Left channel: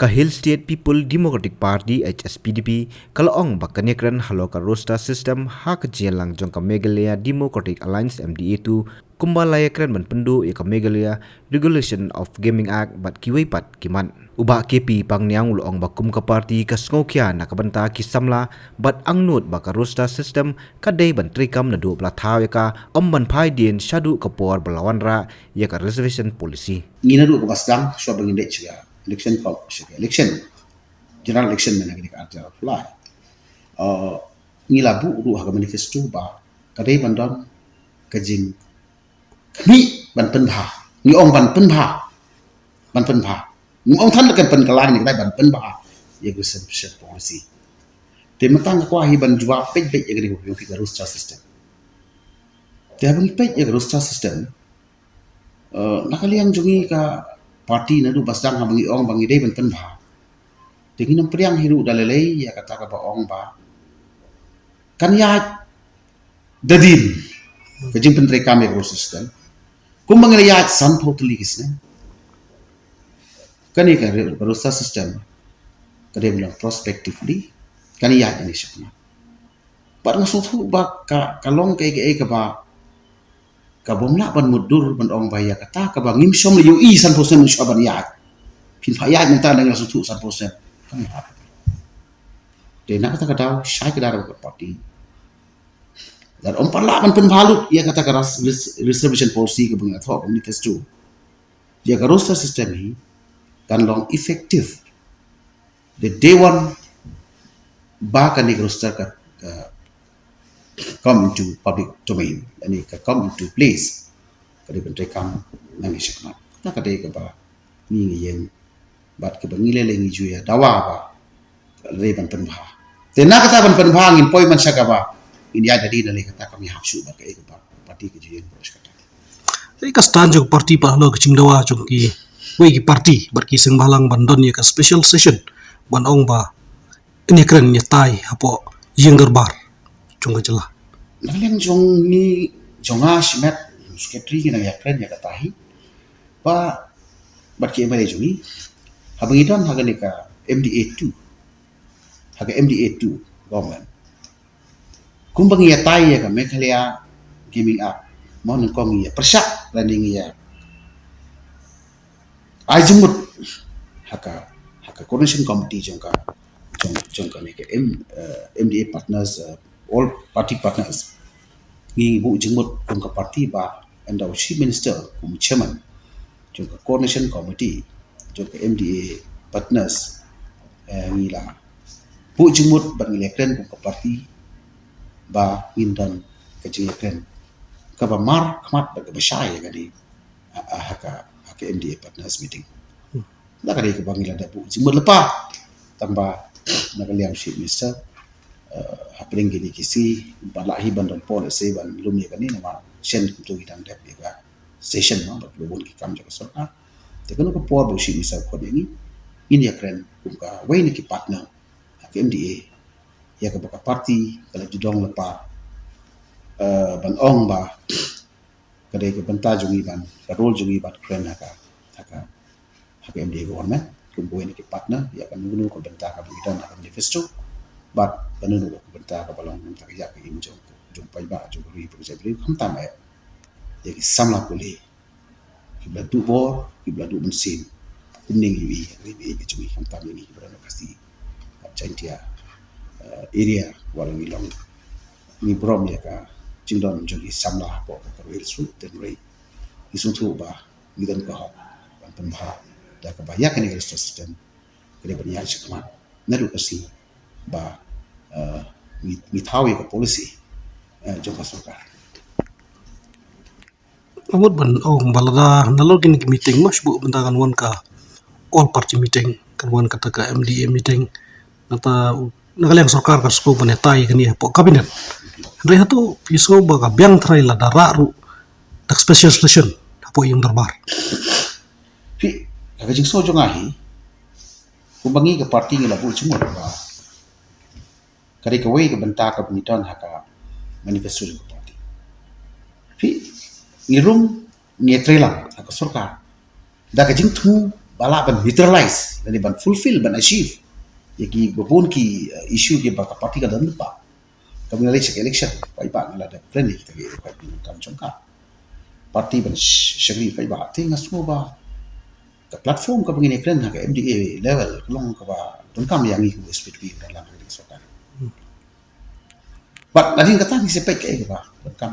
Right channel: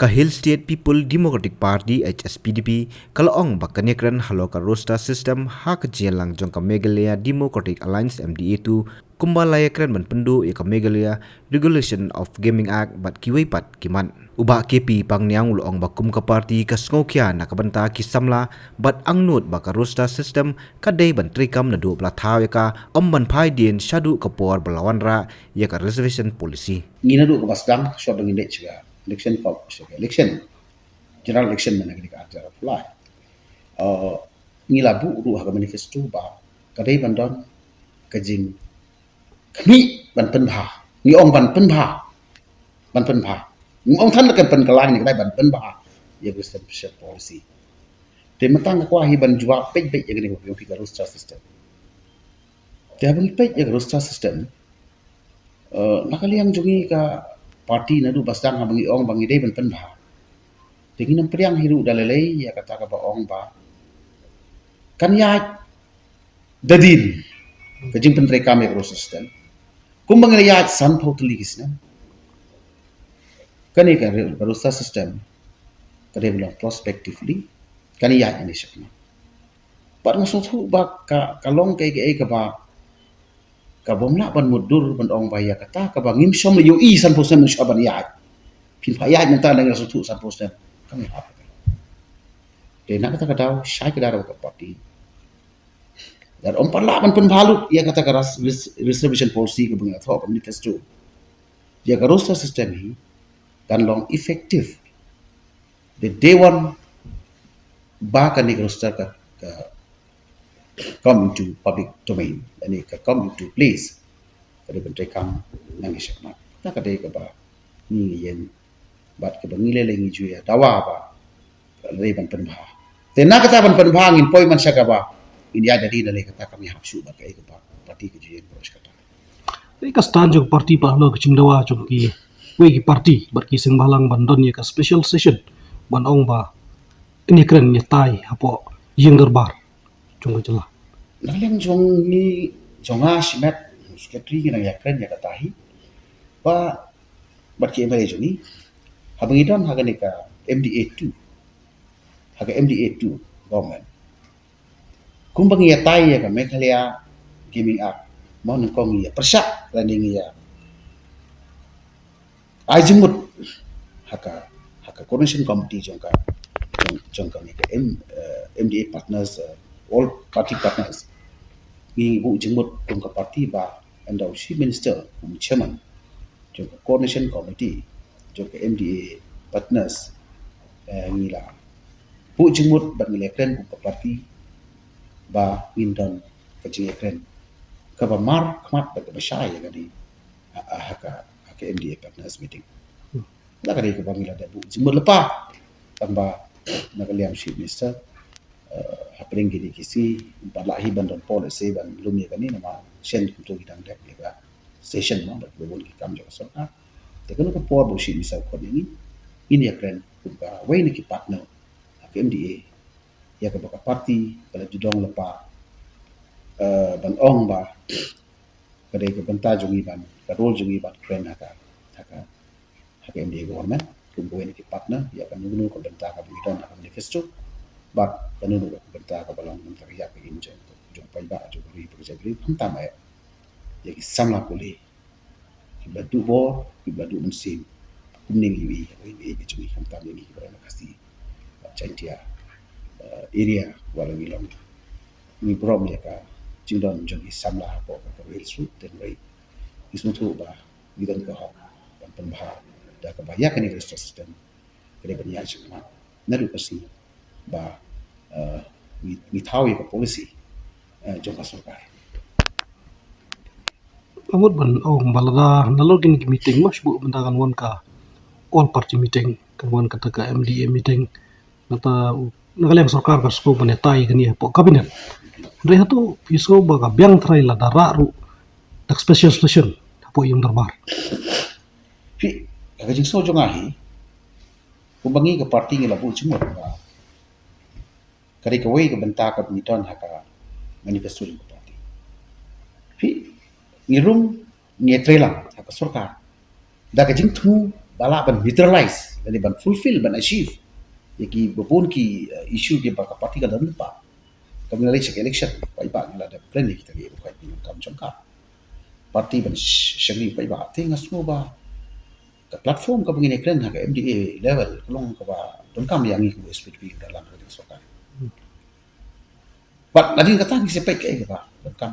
Kahil State People Democratic Party HSPDP kalaong bakanyakran haloka roster system hak jelang jong ka Meghalaya Democratic Alliance MDA2 kumbalayakran menpendu ya ka Meghalaya Regulation of Gaming Act bat kiwaipat kiman uba KP pangniang ulong bakum ka party ka sngokia nakabanta kisamla bat angnut baka roster system kadai bantrikam na do plathaw ya ka omban phai din shadu kapor belawan ra ya ka reservation policy ni na do basgang so bangin de chiga election general election mana kini ka apply ni labu ru ha manifesto ba kadai bandon kajing ni ban pen bha ni ong ban pen bha ni ong than kan pen kalang ni kadai ban pen bha ye reservation policy te matang kwa hi ban jwa pej ye kini ko ki roster system te ban pej ye roster system nakaliang jungi ka parti na du basdang ha bangi ong bangi dei ban pen bha tingi nam priang hiru dalalei ya kata ka ba ong ba kan ya dadin kajing pen rekam ya system kum bangi ya san totally kisne kan ya roster system kade bilang prospectively kan ya ini syakna par masuk tu ba ka kalong ke ba ka bomla ban mudur ban ong baya kata ka bangim som liu i san posen shaban ya pin fa ya minta dengan satu san posen kan ya de nak kata daw syai ka daw ka parti dan om pala ban pen balut ya kata ka reservation policy ka bangin atho manifesto ya ka roster system hi kan long effective the day one ba ka ni roster ka come into public domain and it come into place kada bentre kam nang isyakna ta kada ka ba ni yang bat ka bangile lengi juya dawa ba le ban pen bha te na kata ban pen bha ngin poi man syaka ba india dadi dale kata kami hapsu ba ka ba parti ke juya boros kata ka stand jog parti pa lo kaching dawa jog ki we ki parti bar ki sing balang bandon ya ka special session ban ong ba ini keren ya tai apo yang derbar chung jelah naleng jong ni jonga simet secretary ni ya friend ya katahi ba barki bare jumi habangi dan haga ni ka MDA2 government kumbang ya tai ya ka Meghalaya Gaming Act mon kong ya persak running ya ajumut haka coordination committee jongka ni ka MDA partners all party partners ni bu jengmut kum ka parti ba and our chief minister kum chairman juga coordination committee juga MDA partners ni la bu jengmut bang election kum ka parti ba indan ka jengkren ka ba mar khmat ba ka syai ga di haka MDA partners meeting la ka di ka bang ilada bu jengmut lepa tambah nakaliam chief minister happening gini kisi balahi bandon pol se ban lumni kani nama shen to gitan dep ya session no bat lubun ki kam jo sorka te kono ko por bo shi ni sa ko ni india kren ka we ni ki partner ak MDA ya ka baka party kala judong pa ban ong ba kada ko banta jungi ban ka role jungi bat kren haka MDA government ko we ni ki partner ya kan ngulu ko banta ka bidan manifesto but penunu ko benta ka balang ng takya ka injo jo pa ba jo ri project ri kham ya samla ko le kibla du bor kibla du mesin kuning wi jo kham tam ni ko na kasi chantia area wala ni long ni brom ya ka jindon jo samla ko ka ri su te ri isu tu ba ni dan ka ho ban ha da ka banyak ni system kare banyak cuma naru kasi ba ni tahu ya polisi jumpa sokar. Amut ban ong balada nalogin ki meeting mas bu bentangan wan ka all party meeting kan wan kata ka MDA meeting nata nakaliang sarkar ka sko banetai kani po kabinet. Andre hatu piso ba ka biang trai la dara ru dak special session apo yung darbar. Pi kajing so jongahi kumbangi ka parti ngila bu cumur ba kari ka way ka banta ka pamiton haka manifesto ng party. Pi ngirum ni trelang haka surka da ka jing tu bala ban neutralize dan ban fulfill ban achieve ki bopun ki issue ki ba party ka dan pa kami ngalai cek election pai ba ngala da plan ni kita ki pai kam chongka party ban shagri pai ba tinga semua ba ka platform ka begini kren ha ka MDA level kelong ka ba don kam yang ni ko SPDP dalam hari sokan but nadin kata ni sepai ke ba don kam